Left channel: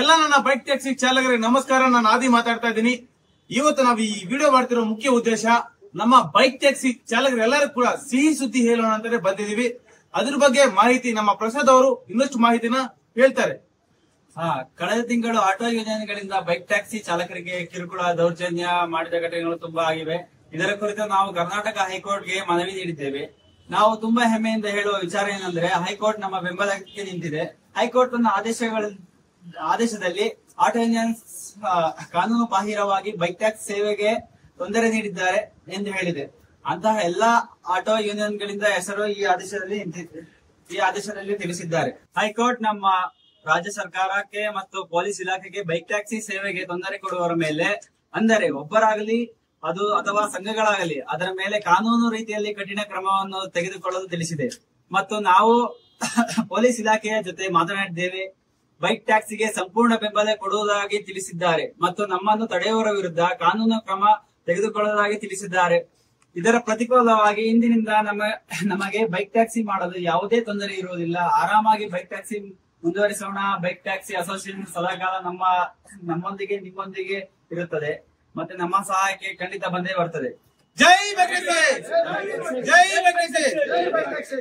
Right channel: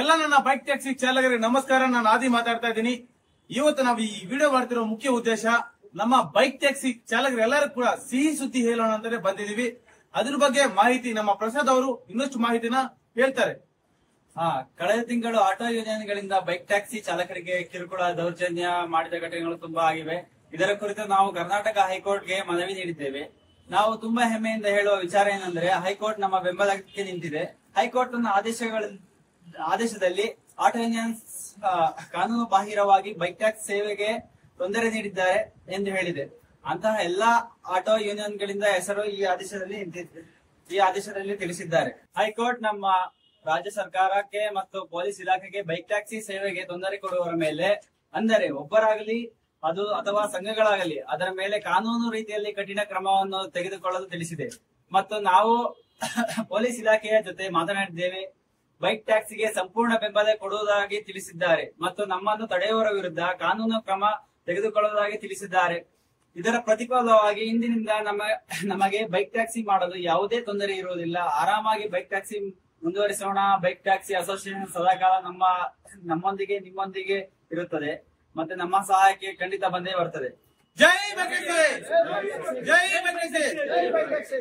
ಎಲ್ಲ ನನ್ನ bike taxi ಚಾಲಕರಿಗೆ ನಮಸ್ಕಾರ. ನಾನು ಆದಿ ಮಾತಾಡ್ತಾ ಇದ್ದೀನಿ. ಇವತ್ತು ನಾವು ಈ ವಿಡಿಯೋ ಮಾಡ್ತಿರೋ ಮುಖ್ಯ ಉದ್ದೇಶ ನಮ್ಮ ಬೈಕ್ ಟ್ಯಾಕ್ಸಿ ಚಾಲಕರೆಲ್ಲರೂ ಕೂಡ ಸಿಹಿ ಸುದ್ದಿ ಹೇಳೋಣ ಅಂತಾನೆ ಬಂದಿದೀವಿ. ಅದ್ರ ಬಗ್ಗೆ ಮಾಹಿತಿ ನಮ್ಮ ಪ್ರಸಾದ್ ಅವರು ಇನ್ನಷ್ಟು ಮಾಹಿತಿನ ಹೇಳ್ತಾರೆ. ಕಳೆದ ತಿಂಗಳು ಆಟೋ ಯೂನಿಯನ್ಗಳಿಂದ ಬೈಕ್ ಟ್ಯಾಕ್ಸಿ ಚಾಲಕರಿಗೆ ಕಿರುಕುಳ ದೌರ್ಜನ್ಯ ಮಾಡಿದ ಘಟನೆಗಳು ತುಂಬಾ ಆಗಿವೆ. ಇದರ ಕುರಿತು ನಾವು ಕರ್ನಾಟಕ ಹೈಕೋರ್ಟ್ಗೆ ಮನವಿ ನೀಡಿದ್ದೇವೆ. ನಾವು ತುಂಬಾ ಹೆಮ್ಮೆಯಿಂದ ಹೇಳುವ ವಿಚಾರ ಏನಂದ್ರೆ, ಹೈಕೋರ್ಟ್ ನಮ್ಮ ಬೆಂಬಲಕ್ಕೆ ನಿಂತಿದೆ. ಹೈಕೋರ್ಟ್ ತನ್ನ ಆದೇಶದಲ್ಲಿ ಆಟೋ ಯೂನಿಯನ್ಸ್ ಕಾನೂನು ಬಾಹಿರವಾಗಿ ಬೈಕ್ ಟ್ಯಾಕ್ಸಿ ಸೇವೆಗೆ ತೊಂದರೆ ನೀಡಿದ್ದಾರೆ ಎಂದು ಹೇಳಿದೆ. ಅಂತಹ ಎಲ್ಲಾ ಆಟೋ ಯೂನಿಯನ್ಗಳಿಂದ ಹೆಸರು ಈ ಆದೇಶದಲ್ಲಿ ತಿಳಿಸಿದ್ದಾರೆ. ಹೈಕೋರ್ಟ್ ನಮ್ಮ ರಾಜ್ಯ ಸರ್ಕಾರಕ್ಕೆ ಮತ್ತು ಪೊಲೀಸ್ ಇಲಾಖೆಗೆ ಬೈಕ್ ಟ್ಯಾಕ್ಸಿ ಸೇವೆಗೆ ತೊಂದರೆ ಕೊಡುವವರ ಮೇಲೆ, ಅಂದರೆ ಒಬ್ಬರಾಗಲಿ ಅದು ಅಥವಾ ಸಂಘಗಳಾಗಲಿ, ಅದರ ಮೇಲೆ ಕಾನೂನು ರೀತಿಯಲ್ಲಿ ಕಠಿಣ ಕ್ರಮವನ್ನು ತೆಗೆದುಕೊಳ್ಳಲು ತಿಳಿಸಿದೆ. ಮತ್ತು ನಾವು ಪೊಲೀಸ್ ಇಲಾಖೆಯ ಜೊತೆ ಮಾತನಾಡಿದ್ದೇವೆ. ಬೈಕ್ ಟ್ಯಾಕ್ಸಿಗೆ ಸಂಪೂರ್ಣ ಬೆಂಬಲ ಕೊಡುವುದಾಗಿ ತಿಳಿಸಿದ್ದಾರೆ ಮತ್ತು ನಮ್ಮನ್ನು ತಡೆಯುವವರ ವಿರುದ್ಧ ಕಾನೂನು ಕ್ರಮ ತೆಗೆದುಕೊಳ್ಳುವುದಾಗಿ ತಿಳಿಸಿದ್ದಾರೆ. ಇದರ ಪ್ರತಿಫಲವಾಗಿ ಇಂದಿನಿಂದ ನಮಗೆ ಬೈಕ್ ಟ್ಯಾಕ್ಸಿ ಮಾಡಲು ಯಾವುದೇ ತೊಂದರೆ ಇರುವುದಿಲ್ಲ. ಆರಾಮಾಗಿ ಬೈಕ್ ಟ್ಯಾಕ್ಸಿ ಮುಂದುವರಿಸೋಣ. ಬೈಕ್ ಟ್ಯಾಕ್ಸಿ ಅಸೋಸಿಯೇಷನ್ ಸದಾಕಾಲ ನಮ್ಮೊಂದಿಗೆ ನಿಮ್ಮೊಂದಿಗೆ ಇರುತ್ತದೆ ಮತ್ತೆ ನಮ್ಮ ಸಹಾಯಕ್ಕೆ ಖಂಡಿತ ಬಂದೇ ಬರ್ತದೆ. ಜೈ ಬೈಕ್ ಟ್ಯಾಕ್ಸಿ! ಜೈ ಬೈಕ್ ಟ್ಯಾಕ್ಸಿ!